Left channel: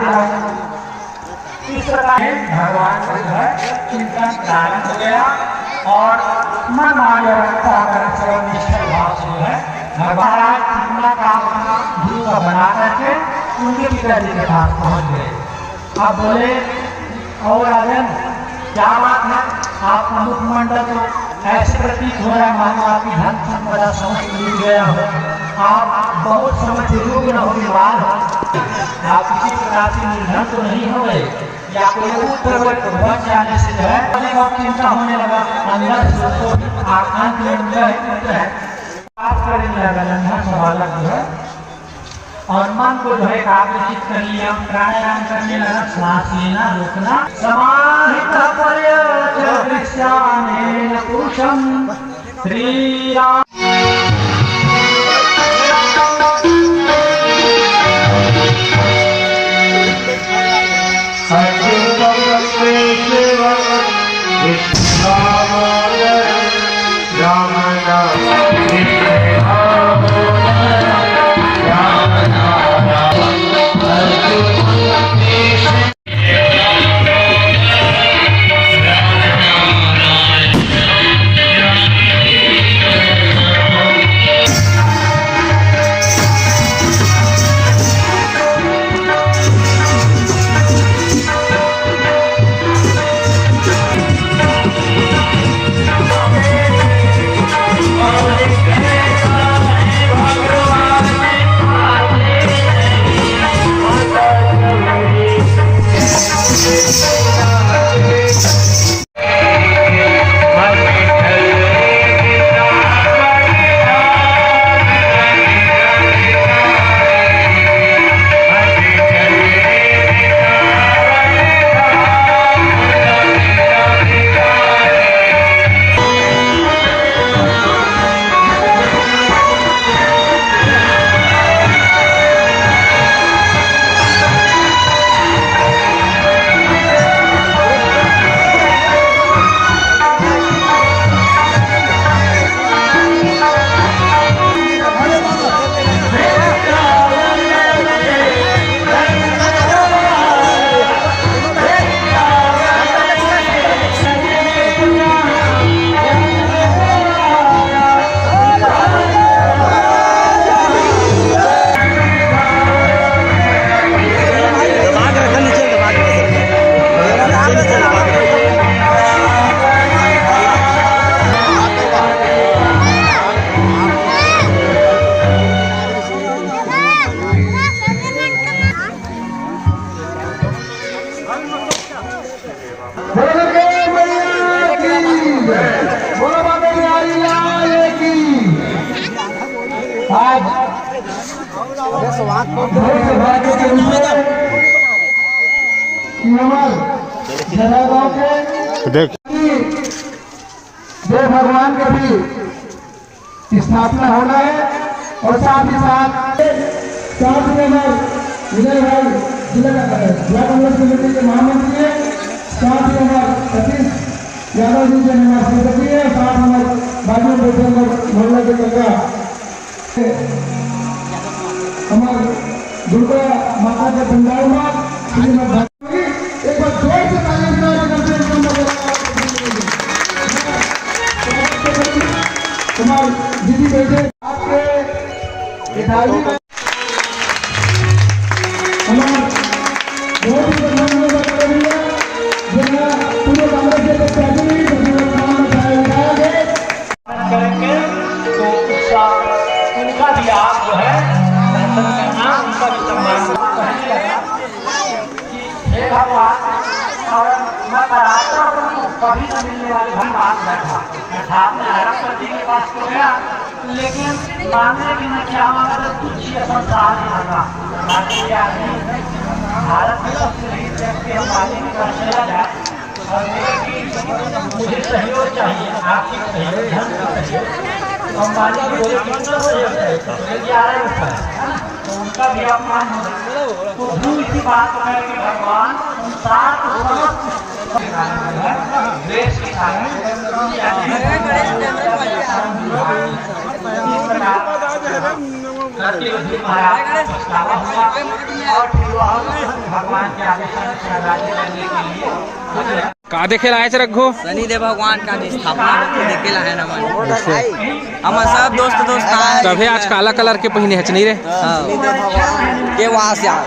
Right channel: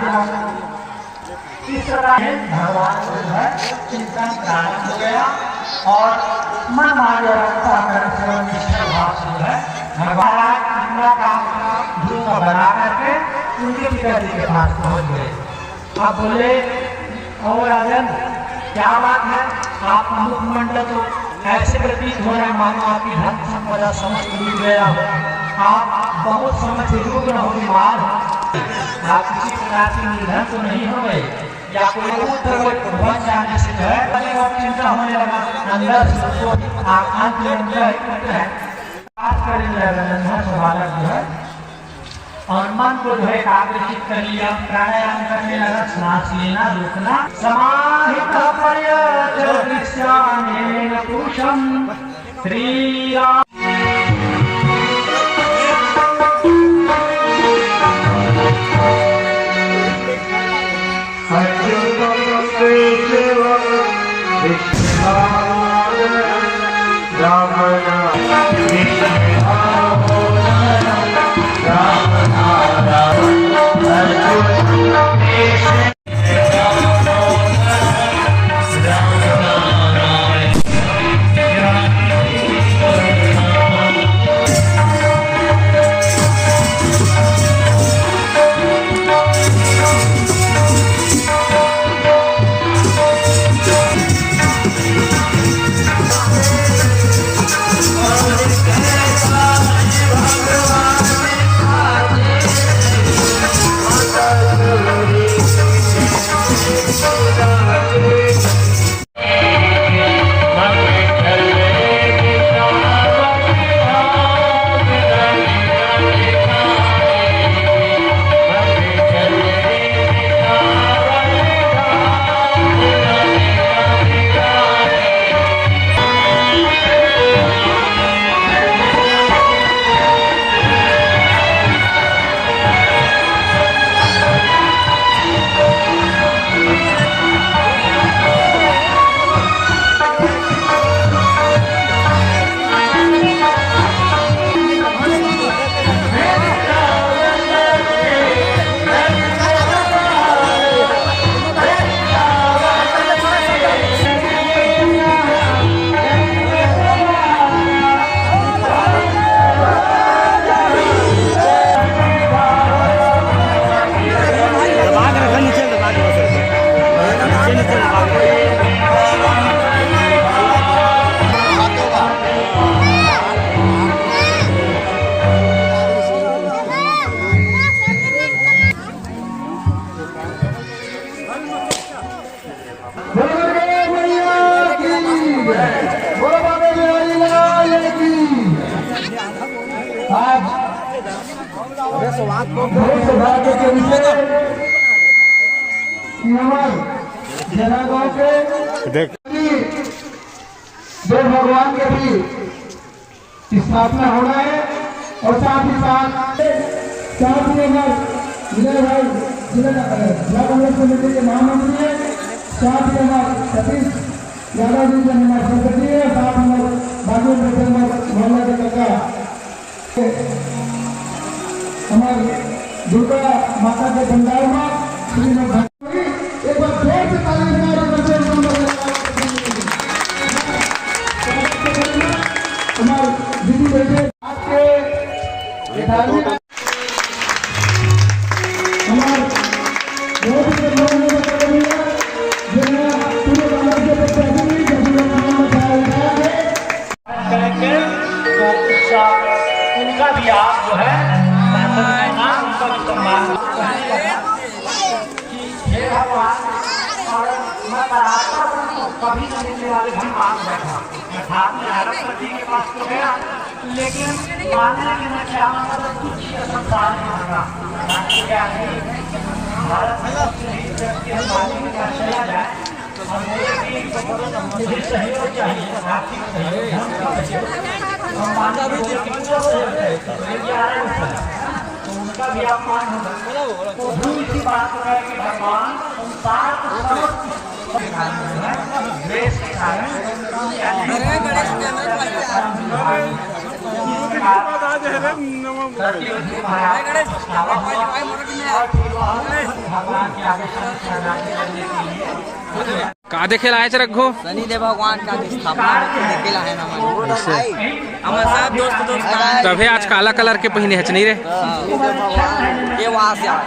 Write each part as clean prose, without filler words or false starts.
इस प्रकार भगवान को जो है चिंतन प्रारंभ हो गया और मन माया निष्ठा भाव से है भगवान पूरा काम ध्रुव बना करके उनके पिताजी के पास पहुंच गए। अब बोले और राजन क्या बात है, आप मुखमंडल तो ऐसे प्रतीत हो रहा है मानो आपकी धन संपदा समझ मिल गया हो, आप बहुत समझ योग न हो बीमार हो, आप किसी प्रकार से निर्धन तो नहीं हो गए या कोई जाने से जो है चिंता होने लगा अंदर से तो आंख में बात करने लगा बालक जो है और मन को जो है एकाग्रचित कर लिया, प्राणायाम करने लगा, सांस लेना रोकना समाहित पुरुषम श्री राम। जो भगवान के भी स्थापना होना है और साथ ही साथ विजय भाई जिला कांग्रेस कमेटी के महामंत्री है, साथ ही हमारे सतीश यादव जी जो हमारे संगठन है, साथ हमारे बाजू में बैठे मोहल्ला के कका हमारे दुर्गा माता के पंडाल में श्रीमद एक बार जोर से ताली कुमार दीदी बैठे आपके कभी न मिलने वाले भी बात बैठा के पास हो गया, लेकिन मांगने के मैं क्या मांगा तो कुछ संसार नहीं मांगा। भारत में और मुझे सहयोग चाहिए, आर्थिक सहयोग, धन का सहयोग। हम माने बोले कितना सहयोग है, 11 रुपये, तो उनका भी अपमान हो। तो इसी बात है कि भगवान देश के कारण सत्यवती महाराज का पछतावा हुआ और फिर वह भगवान के आदेश से राज्य करने के लिए का देखे लाए रखो शनिदेव भगवान का स्थापना होते देखे ला है ना मन हमारे सब दोस्त तभी आज काला कलर के पहिने है नहीं रे शनिदेव भगवान के वहाँ से आज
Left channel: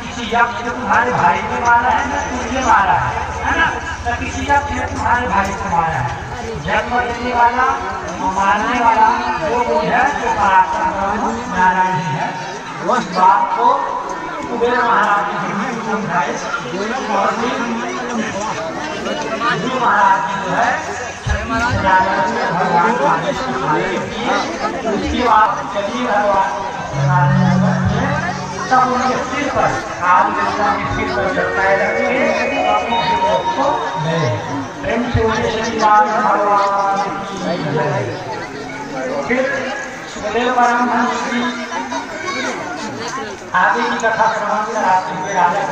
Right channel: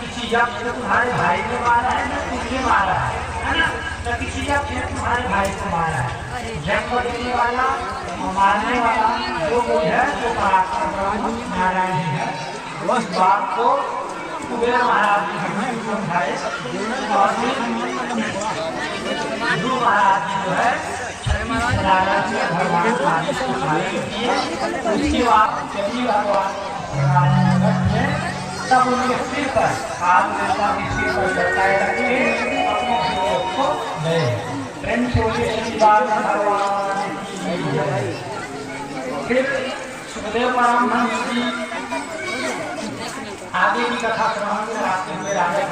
किसी यक्ष ने तुम्हारे भाई को मारा है ना तुझे मारा है ना? तो किसी यक्ष ने तुम्हारे भाई को मारा है। जन्म देने वाला मारने वाला वो है जो परात्पर नारायण ही है। उस बात को कुबेर महाराज ने समझाए और फिर गुरु महाराज ने जो है भगवान का उसके बाद चलिए भगवान तब उनके सिर पर राम देवता के सिर पर चढ़ाए रखे अपने जीवों को दे प्रेम से उन्हें श्रीराम भगवान फिर सुखदेव ब्राह्मण की आगे की कथा प्रमाण कराते हुए राजा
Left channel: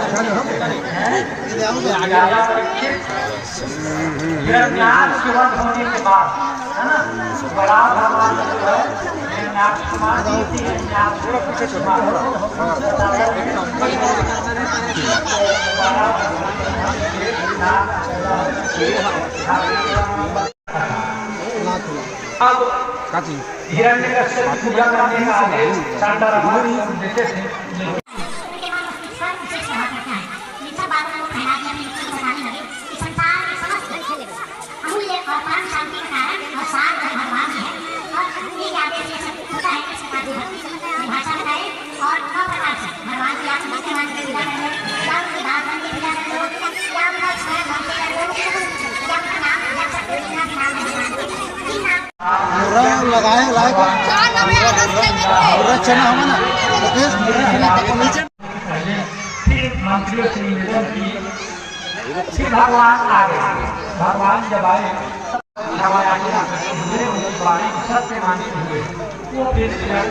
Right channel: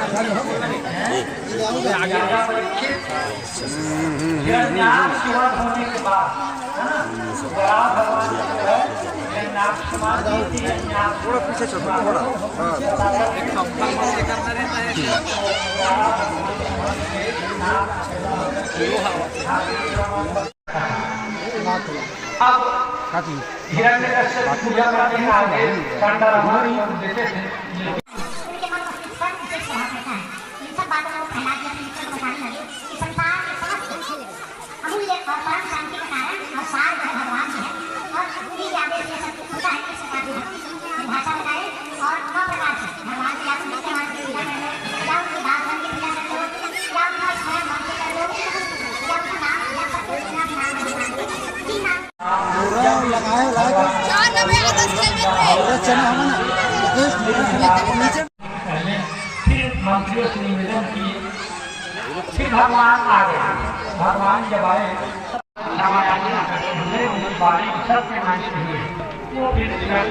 हिरण्याक्ष के वध होने के बाद है ना बड़ा भगवान जो है हिरण्याक्ष कुमार हिरण्यकश्यप की पूजा करने का आदेश सांडा रावण को देते थे। फिर भगवान आ गए। भगवान जब आए सत्य माने हुए वो फिर ध्यान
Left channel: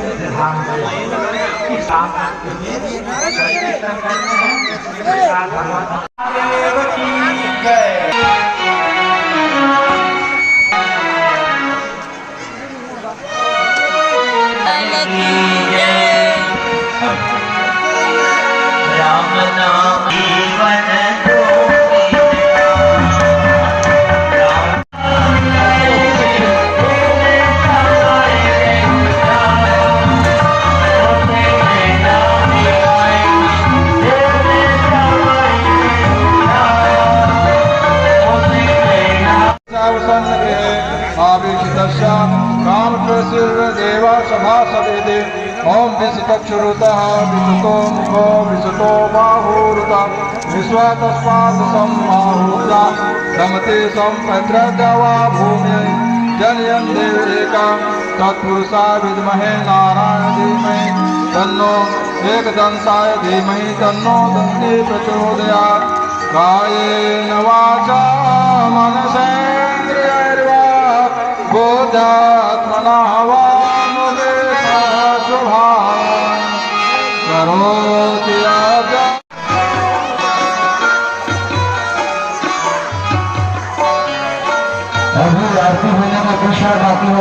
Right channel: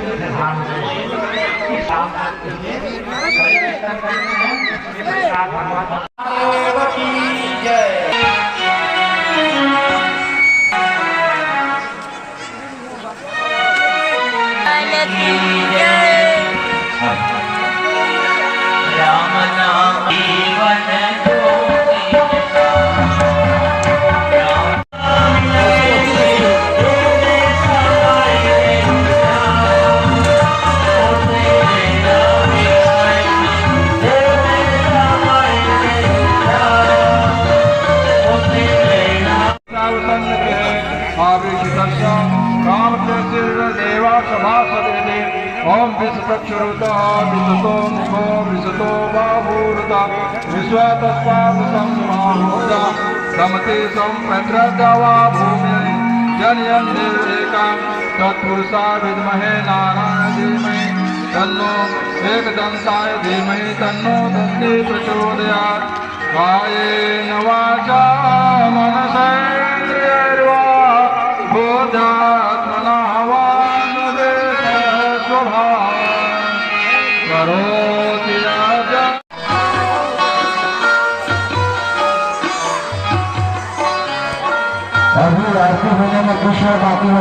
राम नाम जीवन ओम विशतक्षुरुतः विशतो मुखो विशतो बाहुरुता विश्वातस्मात् सम्माहुता समते सम्पत्रगवा भूमि जनयन् देवदेकां तत्पुरुषा विद्महे नारायण धीमहि तन्नो एकदन्ताय धीमहि तन्नो दन्ती प्रचोदयात् कायेन वाचा मनसेन्द्रियैर्वा बोधात्मना वा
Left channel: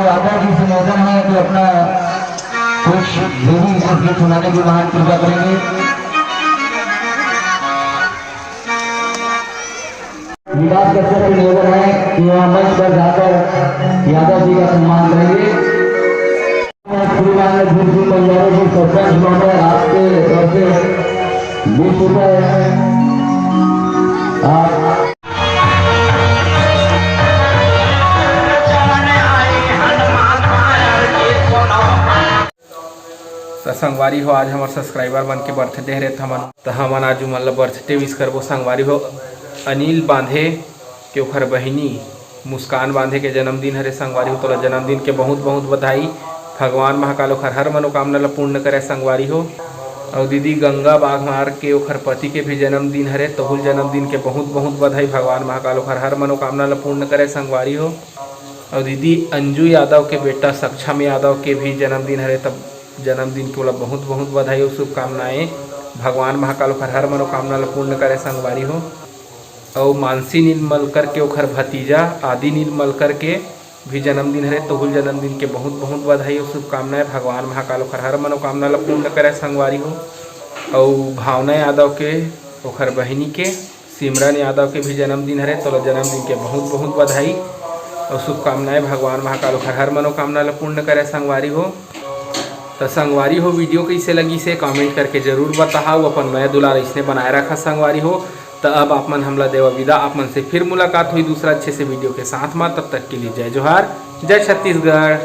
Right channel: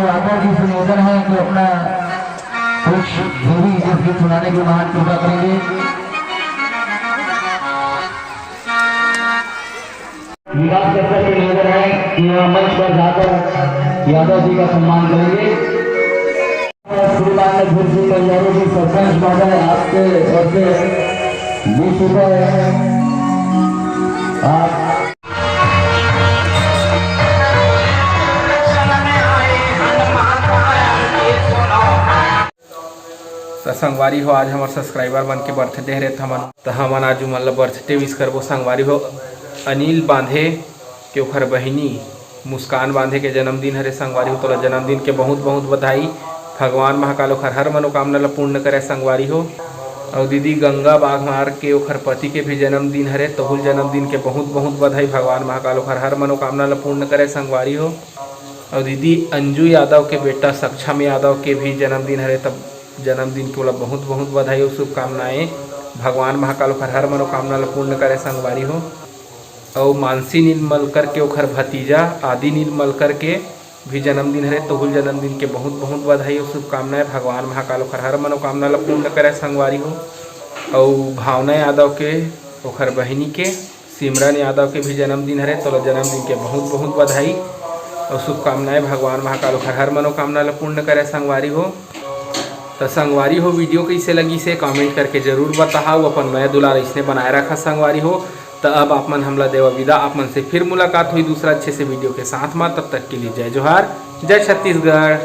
यादव जी से निवेदन है कि अपना कुछ देवी गीत सुनाने की महान कृपा करेंगे। निवास करते हुए निवेदन है कि यहाँ मंच पर जाकर यादव जी का सम्मान करेंगे। परिवार में दूसरी परिवारों के सरपंच महोदय आपके सबसे 20 रुपए संगवारी हो आज हमारे सब्सक्राइबर मन के बर्थडे हरे तो हमन आज मतलब बर्थडे विश करबो संगवारी हो अनिल बांधे के ओखर बहिनी मुस्कान बांधे के जन्मदिन हरे संगवारी हो। तोला जन्मदिन के बहुत बहुत बधाई। भगवान महाकाल ओखर हर मनोकामना ला पूर्ण करे संगवारी हो। और दीदी गंगा बाघमार के ओखर पति के भी जन्मदिन हरे तोहुल जन्मदिन के बहुत बहुत बधाई। भगवान महाकाल ओखर हर मनोकामना ला पूर्ण करे संगवारी हो। और दीदी अंजू यादव के बेटा सक्षम यादव के भी जन्मदिन हरे तब जन्मदिन के ओला बहुत बहुत बधाई और शुभकामनाएं। भगवान महाकाल ओखर हर मनोकामना ला पूर्ण करे संगवारी हो। और मानसी नीलमलकर के ओखर भतीजा आदि नीलमलकर के भी जन्मदिन हरे तोहुल जन्मदिन के बहुत बहुत बधाई और शुभकामनाएं। भगवान महाकाल ओखर हर मनोकामना ला पूर्ण करे संगवारी हो। और भावना यादव के ओखर बहिनी के सिमरन यादव के भी जन्मदिन हरे तोला जन्मदिन के बहुत बहुत बधाई और शुभकामनाएं। भगवान महाकाल ओखर हर मनोकामना ला पूर्ण करे संगवारी हो। तो संगवारी हो वीडियो कैसे लगी से कमेंट करके जरूर बताओ। अपन नया दुलार इसने बनाए रखा संगवारी हो। तो अब आप मन हमला देवा विदा। आप मन से फिर मुलाकात हुई दूसरा अच्छे से वीडियो के साथ में। तब तक के लिए जय जोहार, जय छत्तीसगढ़।